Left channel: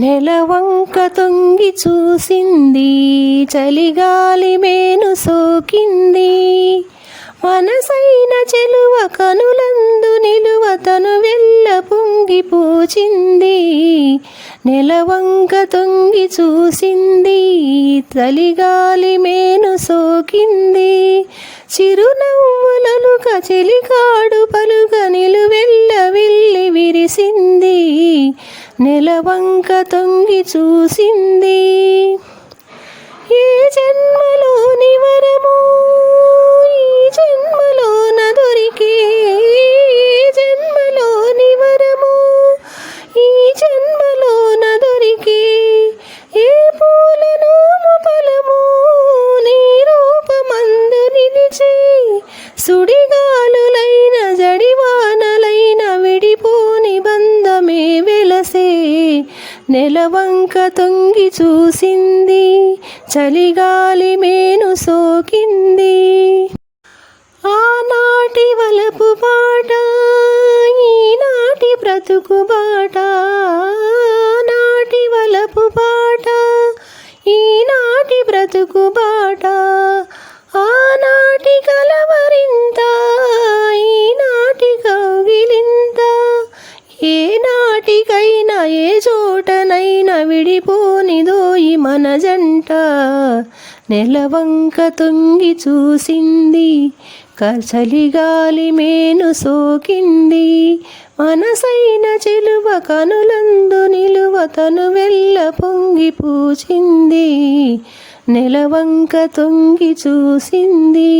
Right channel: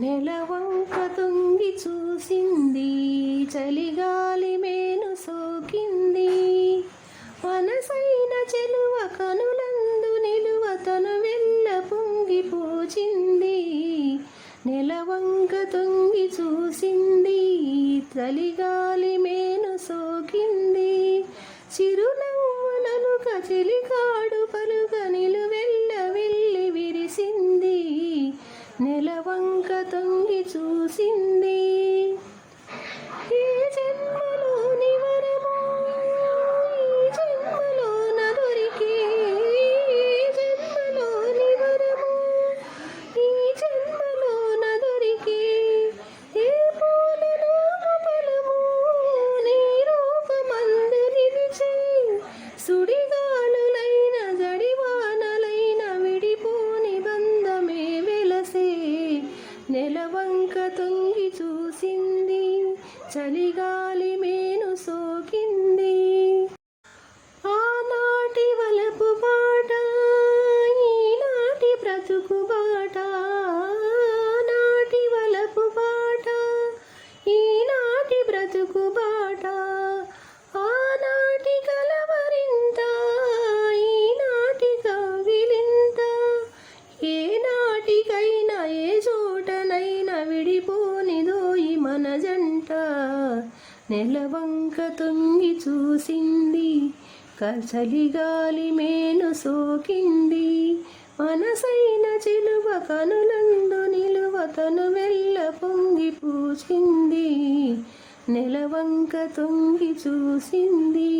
నెలవంక తొంగి చూసింది, చలిగాలి మేను సోకింది. మనసైన చెలువ కనులందు నిలువ తను వెళ్ళ పొంగి పూచింది. నెలవంక తొంగి చూసింది, చలిగాలి మేను సోకింది. చిరునవ్వులలుక చెలికాడు పలుక నిలువెల్ల వెళ్ళి విరిసింది. నెలవంక తొంగి చూసింది. ఏ జన్మలోని వరము ఈ జన్మలోన దొరికే, ఏ జన్మలోని వరము ఈ జన్మలోన దొరికే. ఏ పూలను ఫలము నీ రూపమందు నిలిచే. సుడిగాలులైన జడివానలైన విడిపోని బంధమే వెలసే. నెలవంక తొంగి చూసింది, చలిగాలి మేను సోకింది. ఆనాటి వలపు బాట ఈనాటి బ్రతుకు బాట, ఆనాటి వలపు బాట ఈనాటి బ్రతుకు బాట. ఆనాటి కలవరింత ఈనాటి కౌగిలింత. ఏ నాటికైనా ఏ చోటనైనా విడిపోనిదోయి మన జంట. నెలవంక తొంగి చూసింది, చలిగాలి మేను సోకింది. మనసైన చెలువ కనులందు నిలువ తను వెళ్ళ పొంగి పూచింది. నెలవంక తొంగి చూసింది.